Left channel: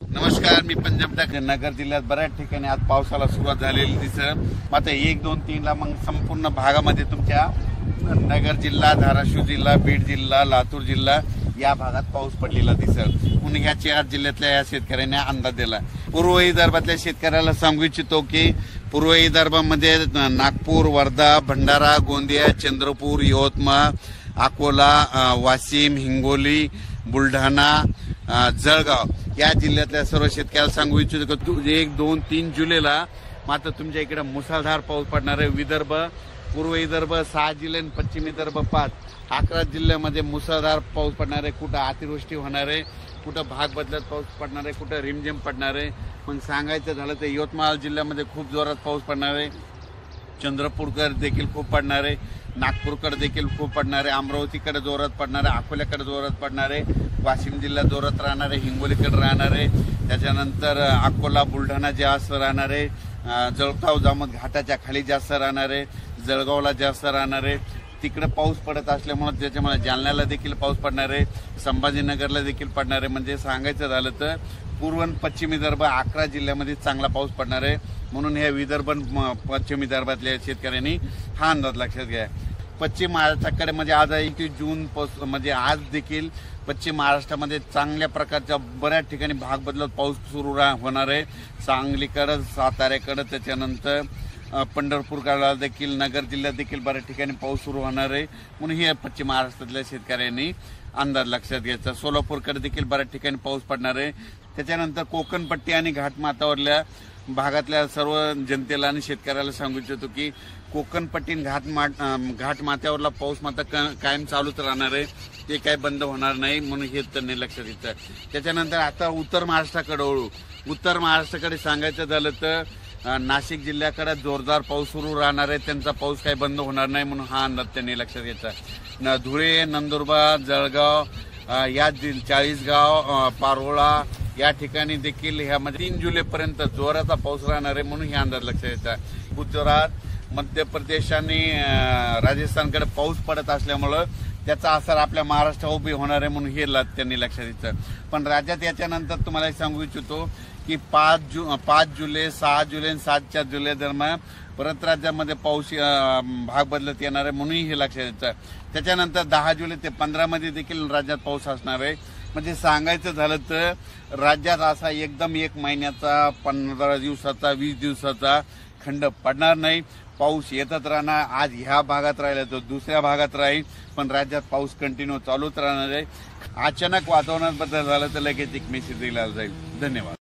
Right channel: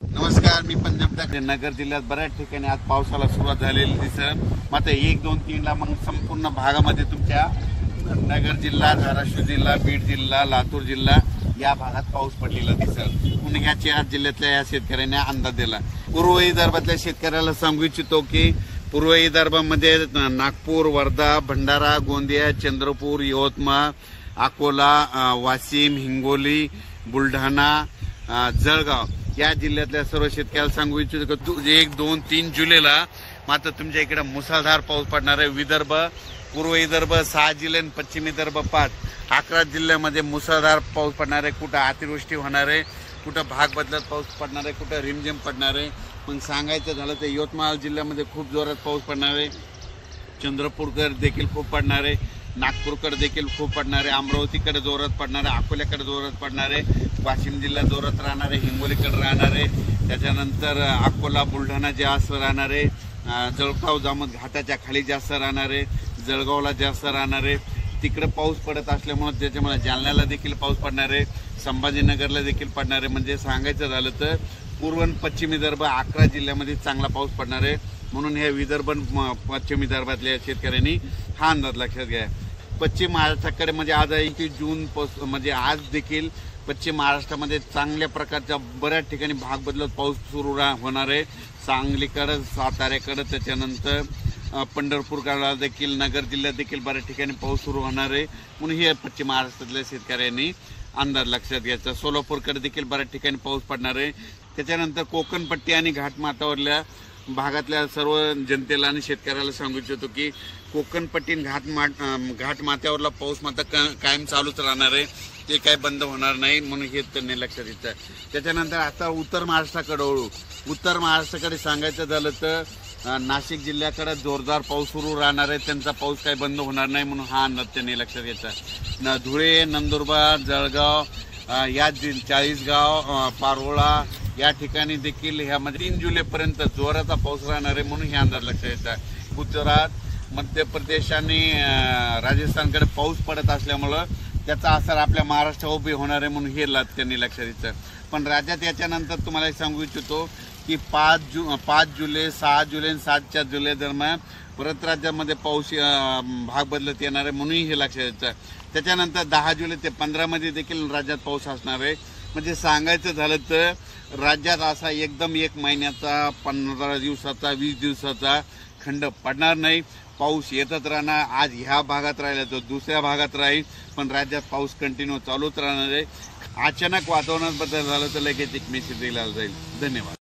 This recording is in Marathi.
नमस्कार, मी पंजाब नगर जिल्ह्यात बऱ्याच ठिकाणी आज पावसाला सुरुवात झालेली दिसत. मात्र 1, 2, 3 ला मग संपूर्ण भागामध्ये तुमच्या नगर जिल्हा, धाराशिव जिल्हा, बीड जिल्हा, लातूर जिल्हा या भागात पाऊस पडलेला दिसत. पुणे या 4 जिल्ह्यातल्या या शेतकऱ्यांनी अंदाज दिला. पूर्व विदर्भातल्या शेतकऱ्याला सांगू इच्छितो की पूर्व विदर्भामध्ये नागपूर, वर्धा, भंडारा, गोंदिया, चंद्रपूर, यवतमाळ, अकोला, वाशिम, हिंगोली, बुलढाणा, जळगाव या जिल्ह्यातल्या सर्व शेतकऱ्याला सांगू इच्छितो की 1, 2, 3 जुलैला मात्र तुमच्या इकडे मुसळधार पाऊस पडणार आहे. विदर्भ, पूर्व विदर्भ 6 जिल्हे, पश्चिम विदर्भ 5, 11 जिल्ह्यामध्ये मुसळधार पाऊस पडणार आहे. कुठं अतिवृष्टी होणार आहे, कुठं भाग बदलत पाऊस पडणार आहे, कुठं रिमझिम पडणार आहे. पण सांगायचं झालं तर यवतमाळ जिल्ह्यामध्ये खूप जोरात पाऊस पडणार आहे. चंद्रपूरकर देखील खूप पडणार आहे, नागपूरकडे देखील खूप पडणार आहे, अमरावतीकडे जोरात पडणार आहे, अकोल्याकडे जोरात पडणार आहे, वाशिम जिल्हा जोरात राहणार आहे, हिंगोलीकडे राहणार आहे, त्याच्यानंतर अकोला, बुलढाणा जास्त राहणार आहे, जळगाव जामोद घाटाच्या खाली जास्त राहणार आहे, जळगावला जास्त राहणार आहे. तिकडे पाऊस पडत असल्यामुळे त्याच्यामुळे जालन्याला देखील पाऊस पडणार आहे, संभाजीनगरला देखील पडणार आहे. म्हणजे सांगायचं झालं तर पूर्व आणि पश्चिम विदर्भ 11 जिल्ह्यामध्ये चांगला पाऊस पडणार आहे. म्हणून हे विदर्भ पश्चिम विदर्भातल्या शेतकऱ्यांनी हा अंदाज लक्षात घ्या. पश्चिम महाराष्ट्राकडे म्हणजे आज 31 जून म्हणजे आज देखील पश्चिम महाराष्ट्रामध्ये चांगल्या प्रकारच्या बऱ्याच ठिकाणी भाग बदलत पाऊस सुरू होणार आहे. सांगलीकडं, साताऱ्याकडं, त्याच्यानंतर पंढरपूरकडे देखील, नगर जिल्ह्यात देखील बऱ्याच ठिकाणी पाऊस सुरू होणार आहे. म्हणून हे पश्चिम महाराष्ट्रातल्या शेतकऱ्यांनी अंदाज लक्षात घ्यायचा. सोलापूरकडे देखील बऱ्याच ठिकाणी पाऊस पडणार आहे. त्याच्यानंतर कोकणपट्टी आणि घाटमाथ्यावरल्या भागातल्या सर्व जनतेला आणि शेतकऱ्याला सांगू इच्छितो की कोकणपट्टी घाटमाथ्यावरला पाऊस मात्र कायम चालूच राहणार आहे, ते काय बंद होणार नाही. म्हणून हे त्यांनी लक्षात घ्यायचं. त्याच्यानंतर आता उत्तर महाराष्ट्राकडे वळू. उत्तर महाराष्ट्राकडे सांगायचं झालं तर नाशिक जिल्ह्याकडे जोरदार पाऊस सुरू राहणार आहे, त्यांचा पाऊस काही बंद होणार नाही. म्हणून हा अंदाज त्यांनी लक्षात घ्यायचा. धुळे, नंदुरबार, जळगाव या 40गाव, पारोळा या ठिकाणी देखील ह्यामध्ये 3 जुलैपर्यंत जोराचा पाऊस राहणार आहे. म्हणून हे अंदाज लक्षात घ्यायचा. गुजरात, मध्य प्रदेश आणि राजस्थानकडे पाऊस पडत असल्यामुळं त्याचा असर आपल्या महाराष्ट्रावर उभी होणार आहे. म्हणून हे त्यांनी लक्षात घ्यायचं. पण राज्यात याच्यानंतर तुम्हाला सांगू इच्छितो की 5 जुलै, 6 जुलै आणि 7 जुलै दरम्यान परत राज्यामध्ये पाऊस भाग बदलत येणार आहे. म्हणून हे लक्षात घ्यायचं. त्याच्यानंतर 10 जुलै ते 15 मध्ये देखील राज्यात पाऊस असणार आहे. म्हणजे सांगायचं झालं तर राज्यात असा एकदम 1 महिन्याचा, 15 दिवसाचा, 20 दिवसाचा खंड पडणार नाही. पाऊस येतच राहणार. आज ह्या भागात राहिला तो दुसऱ्या भागात राहील, पण राज्यात पाऊस कंटिन्यू चालूच राहणार आहे. अचानक वातावरणात बदल झाला तर लगेच एक मेसेज दिला जाईल. धन्यवाद.